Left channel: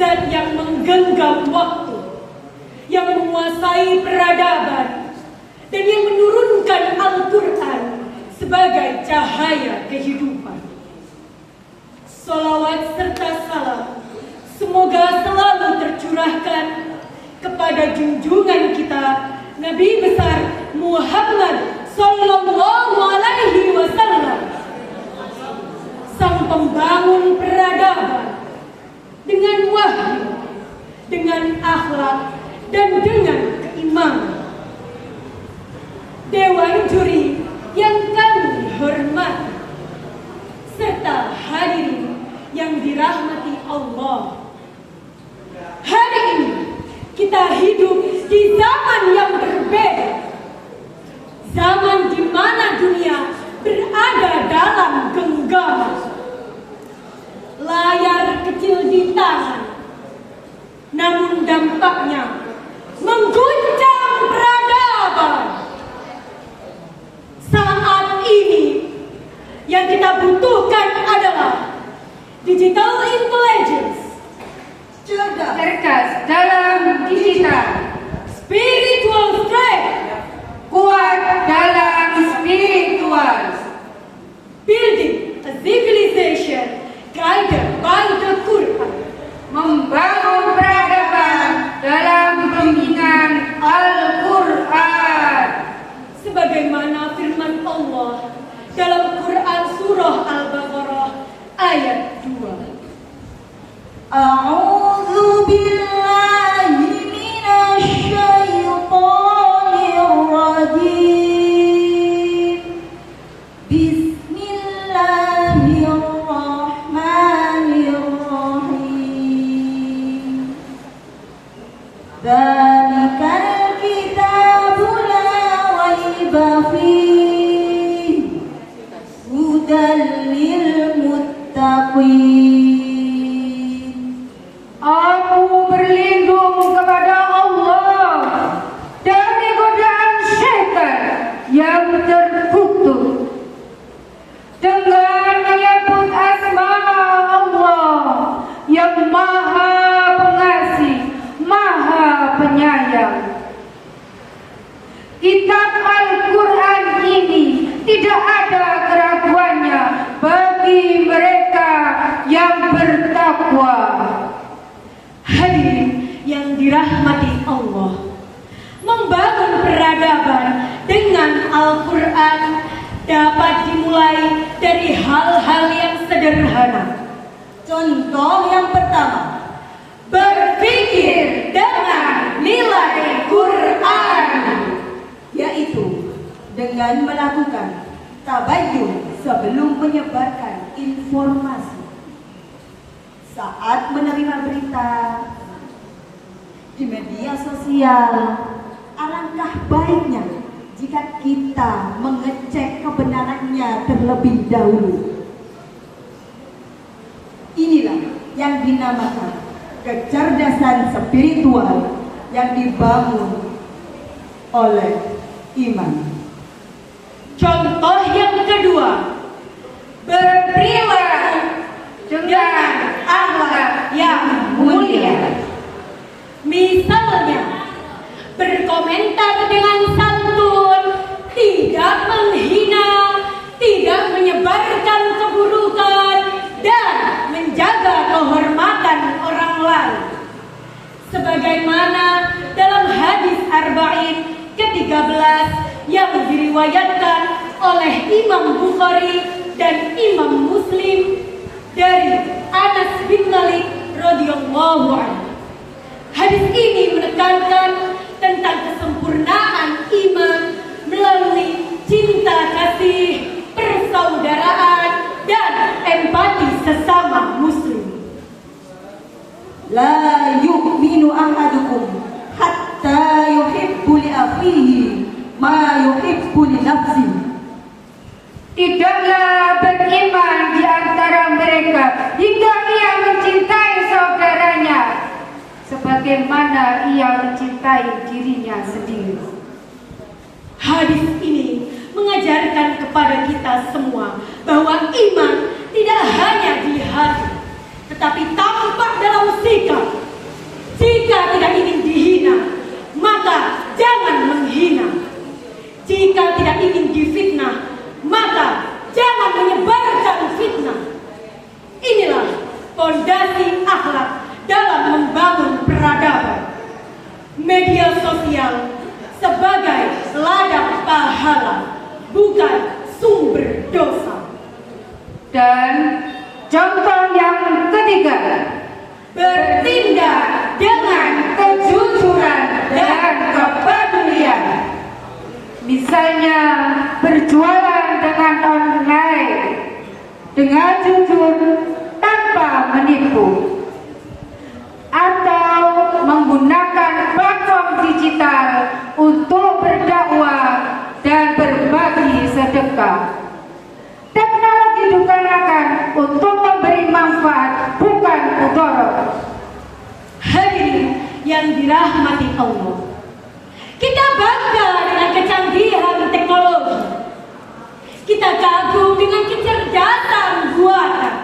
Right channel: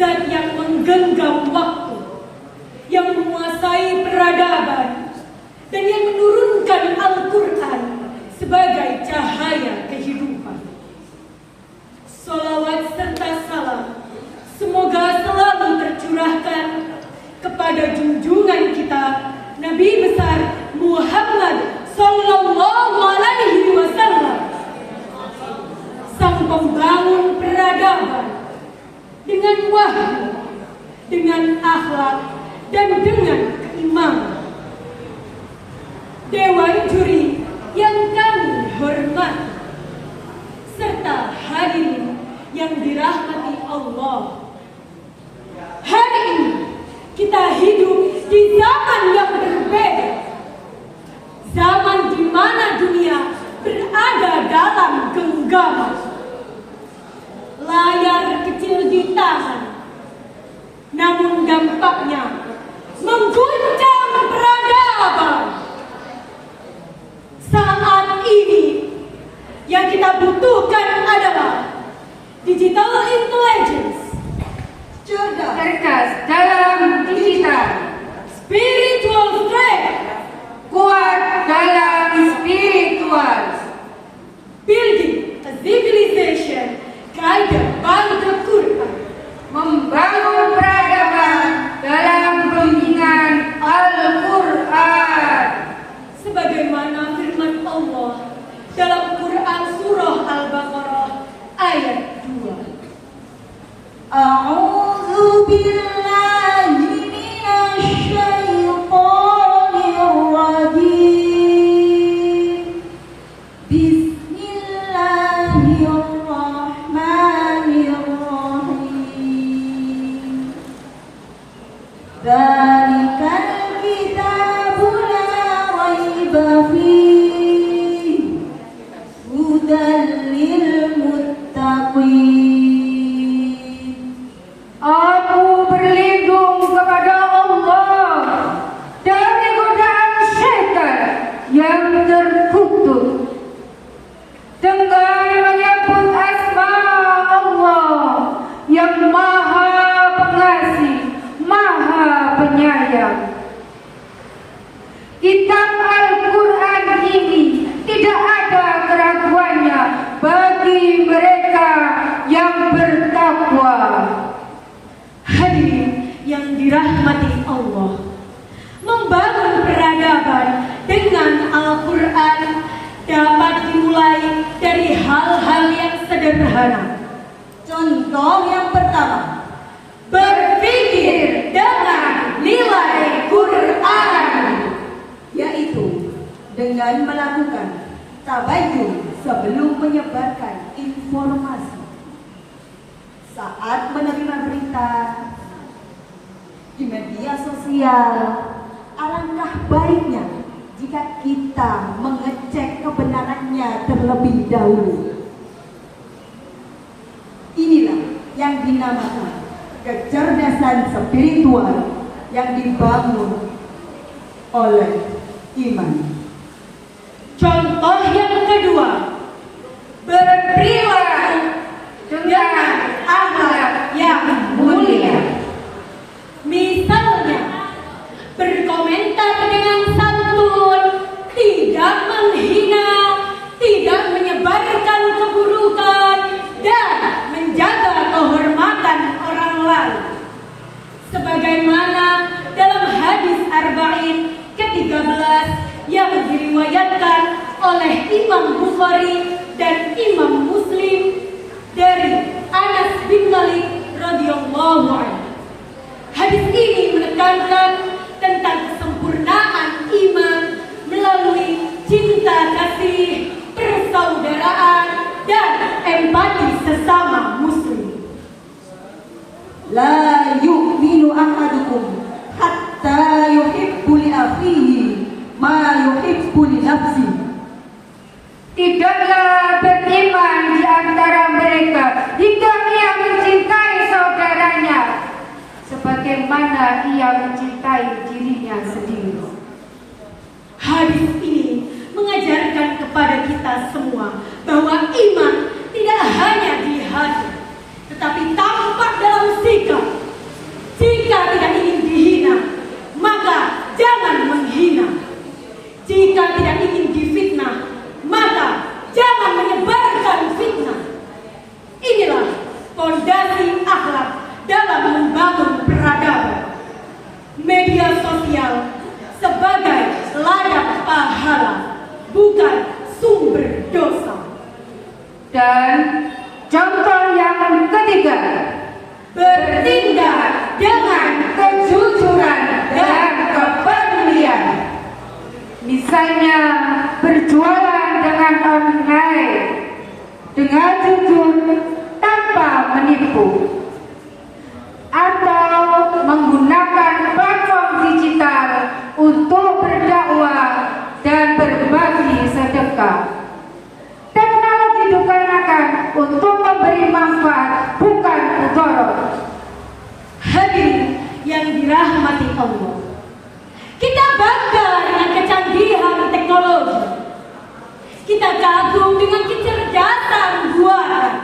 Zat yang menggenggam waktu, yang menguasai peradaban, dan yang menurunkan Al-Quran sebagai cahaya kehidupan. Sholawat serta salam semoga selalu tercurahkan kepada junjungan kita Nabi besar Muhammad Sallallahu Alaihi Wasallam, sang pembangun peradaban, dengan wahyu, dengan akhlak, dan dengan keimanan. Dewan juri yang kami hormati, serta hadirin yang dirahmati Allah. Hari ini kita hidup di zaman yang berbeda, zaman di mana dunia berada dalam genggaman. Layar kecil di tangan, namun dampaknya mengguncang peradaban. Saat ini yang kita butuhkan adalah digital intelligence, cerdas dalam digital, spiritual strength, kuat dalam spiritual, building a civilization guided by the Quran, membangun peradaban dalam bimbingan Al-Quran, sebagaimana firman Allah dalam Quran surah Al-Baqarah ayat 2. A'udzu billahi minasy syaithanir rajim. Bismillahirrahmanirrahim. Dzalikal kitabu la raiba fihi hudan lil muttaqin. Aku berlindung kepada Allah dari godaan syaitan yang terkutuk dengan menyebut asma Allah yang maha pengasih, maha penyayang. Kitab Al-Quran ini tidak ada keraguannya bagi mereka yang bertakwa. Hadirin yang dirahmati Allah, membangun peradaban dengan Al-Quran dapat dimulai dari hal-hal yang sederhana. Contoh yang pertama, Berpikir dengan nilai Quran, yaitu dengan melakukan tabayyun sebelum menyebarkan informasi. Saat menerima berita di media sosial, alangkah baiknya jika kita mengecek kebenarannya terlebih dahulu. Inilah yang dinamakan kecerdasan spiritual yang dibangun oleh iman. contoh yang kedua, berperilaku dengan akhlak yang mulia. Misalnya, berkomentar dengan santun, tidak menghina, tidak menyebarkan keburukan, dan menjaga kehormatan orang lain. Sebagaimana dalam hadis Arba'in ke-13 yang diriwayatkan oleh Imam Bukhari dan Imam Muslim dari Anas bin Malik radhiyallahu anhu. Hadis ini menekankan tentang kesempurnaan iman melalui cinta kasih, persaudaraan, dan empati sesama muslim. La yu'minu ahadukum hatta yuhibbu li akhihi ma yuhibbu li nafsihi. Tidaklah beriman di antara mereka hingga ia mencintai saudaranya sebagaimana ia mencintai dirinya sendiri. Hadis ini mengajarkan kepada kita semua bahwa iman tidak hanya di hati, tetapi tampak dalam sikap, Dan contoh yang ketiga, bertindak dengan kejujuran dan kepedulian. Misalnya berjualan dengan online, dengan jujur tanpa menipu, atau menggunakan platform digital untuk berdakwah dan berbagi sedekah. Teknologi digunakan untuk memberi manfaat, bukan mudarat. Hadirin yang dirahmati Allah, kita bangga dengan kecanggihan teknologi. Kita kagum dengan kecerdasan buatan.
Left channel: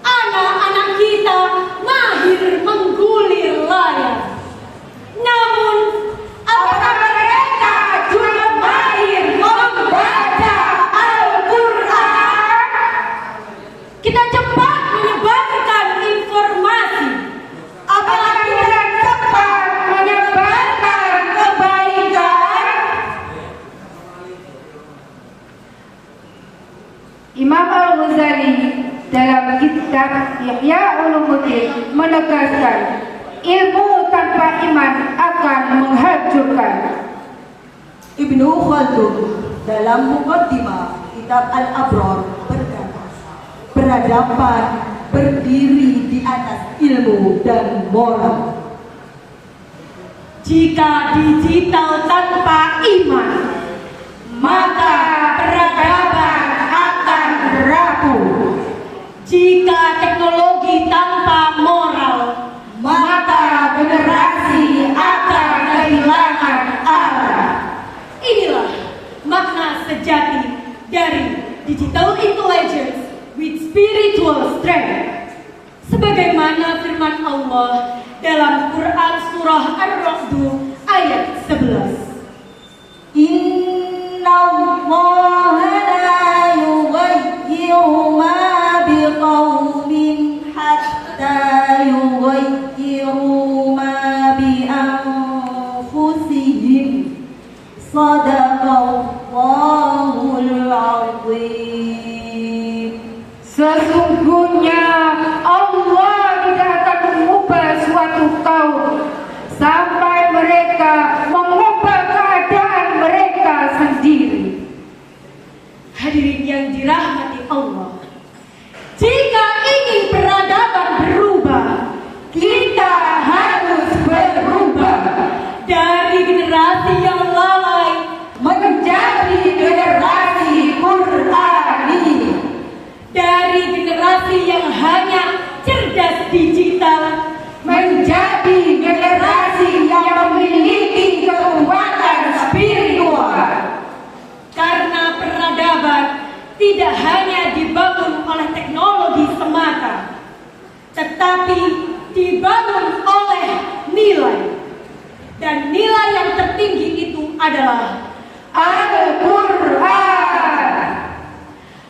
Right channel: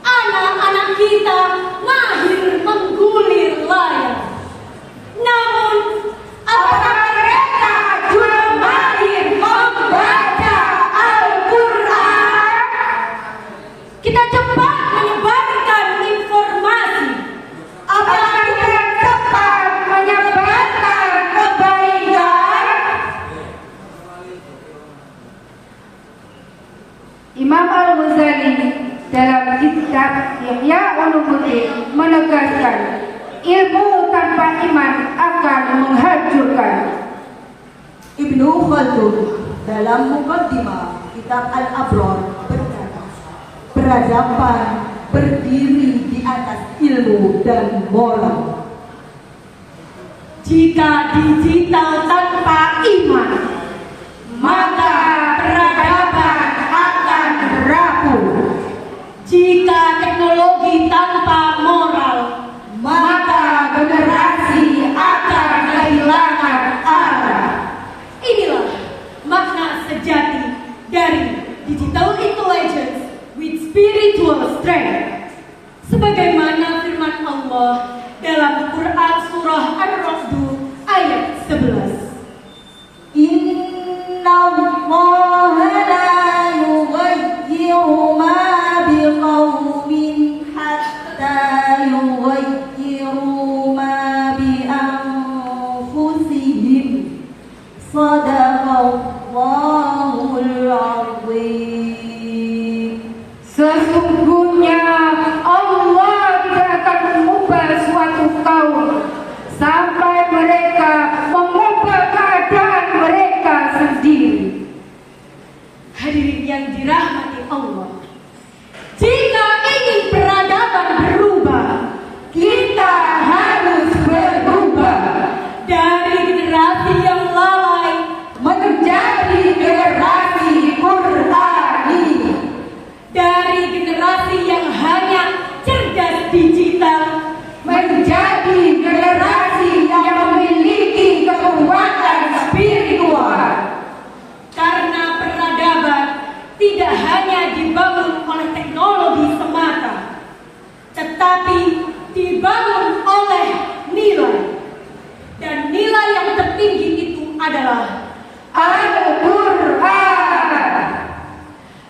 Anak-anak kita mahir menggulir layar. Namun, apakah mereka juga mahir membaca Al-Quran? Kita cepat menyebarkan informasi. Apakah kita cepat menyebarkan kebaikan? Imam Al-Ghazali dalam kitab Ihya Ulumuddin menegaskan, ilmu tanpa iman akan menghancurkan. Ibnu Khaldun dalam Muqaddimah kitab Al-Abrar berkata, peradaban berdiri di atas ilmu dan moral. Jika digital tanpa iman, maka peradaban akan rapuh. Jika teknologi tanpa moral, maka generasi akan kehilangan arah. Inilah makna sejati dari digital intelligence with spiritual strength. Sebagaimana firman Allah dalam Quran surah Ar-Ra'd ayat 11. Inna Allah la yughayyiru ma biqaumin hatta yughayyiru ma bi anfusihim. Shadaqallahul azim. Sesungguhnya Allah tidak akan mengubah suatu kaum sampai mereka mengubah keadaan mereka sendiri. Hadirin yang dirahmati Allah, jika ingin peradaban berubah, kita harus berubah dari generasi yang lalai Menjadi generasi Qurani, dari generasi yang hanya cerdas digital menjadi generasi yang memiliki kekuatan spiritual. karena peradaban tidak hanya dibangun oleh teknologi semata, tetapi dibangun oleh nilai. Dan nilai yang tertinggi itu adalah Al-Quran.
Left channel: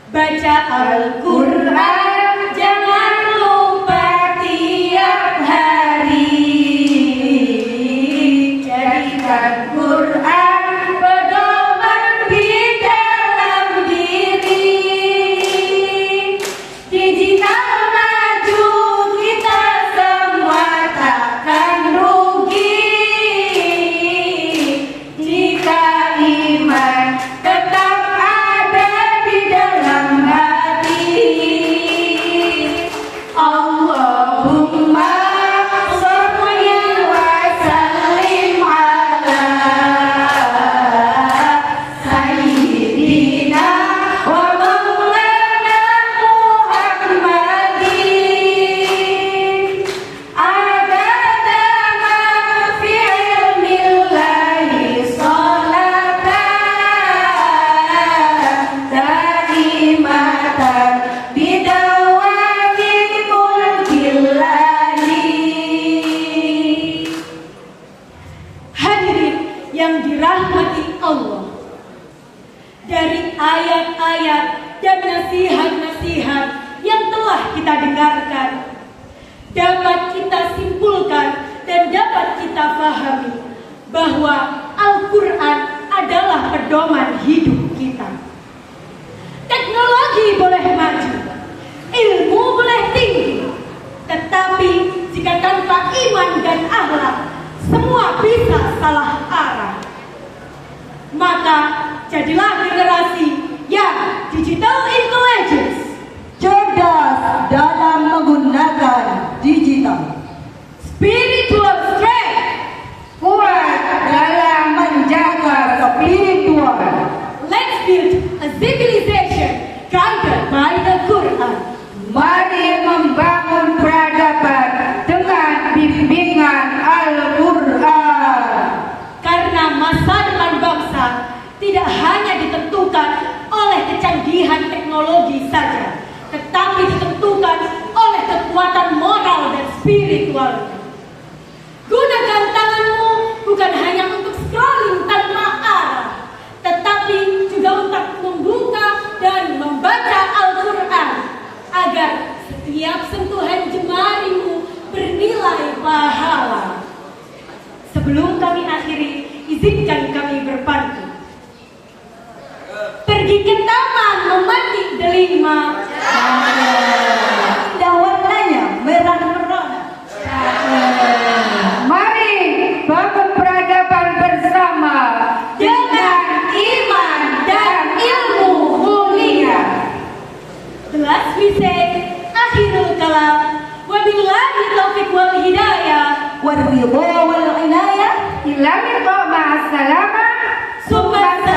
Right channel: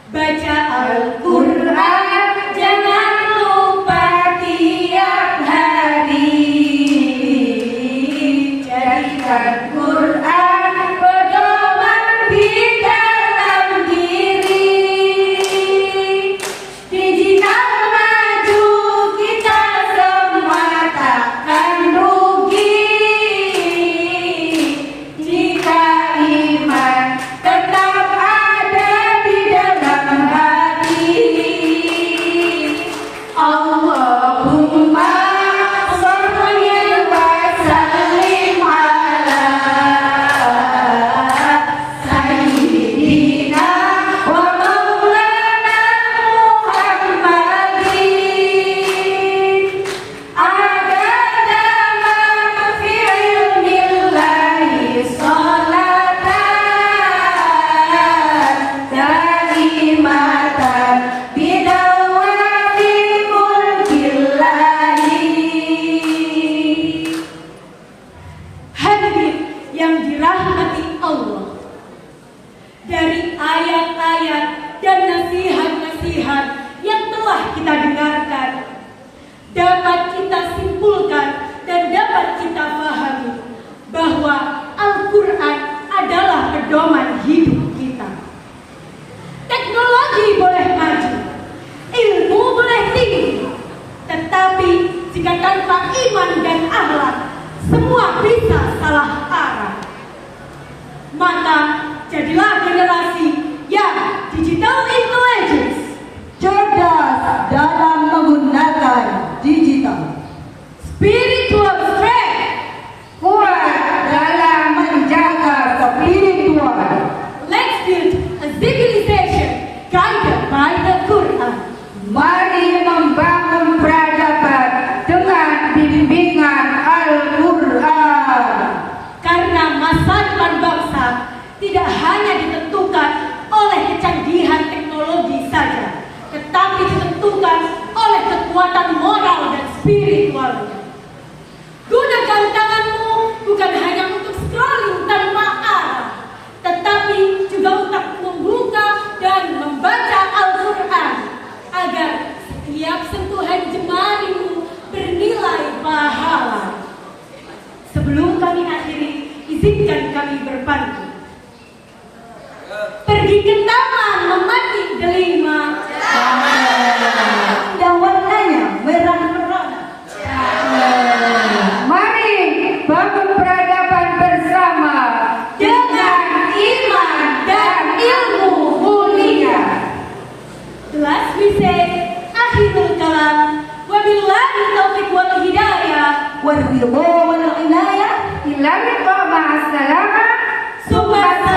baca Al-Quran, jangan lupa tiap hari. Jadikan Quran pedoman di dalam diri. Digital maju, kita semua takkan rugi. Jika iman tetap ada di dalam hati. Allahumma sholli wa sallim ala sayyidina wa maulana Muhammadin. Adada ma fi ilmillahi sholatan daimatan bidawami mulkillahi. Hadirin yang dirahmati Allah, dari ayat-ayat dan nasihat-nasihat yang telah kita dengarkan, dapat kita simpulkan dan dapat kita pahami bahwa Al-Quran adalah pedoman hidup kita. Teknologi boleh maju, dan akhlak, semua bisa salah arah. Maka jadilah generasi yang digital intelligence, cerdas dalam menggunakan digital, spiritual strength, kuat dalam menjaga spiritual. let's build a civilization guided by the Quran. Mari membangun peradaban dengan bimbingan Al-Quran. Karena masa depan bangsa tidak hanya ditentukan oleh kecanggihan teknologi saja, tetapi ditentukan oleh kekuatan moral dan spiritual. Gunakan tanganmu bukan hanya untuk scrolling tanpa arah, tetapi juga untuk membuka dan membaca Al-Quran agar setiap sentuhan jemarimu bernilai pahala. Sebelum kami akhiri, izinkan kami berpantun. Pergi ke taman memetik delima, indah warnanya merah-merah. Mari bangun peradaban bersama dengan iman dan ilmu mulia. Last we say, akhirul kalam, wabillahi taufiq wal hidayah, Warridha wal inayah. Ilahi ma'as salamah. summa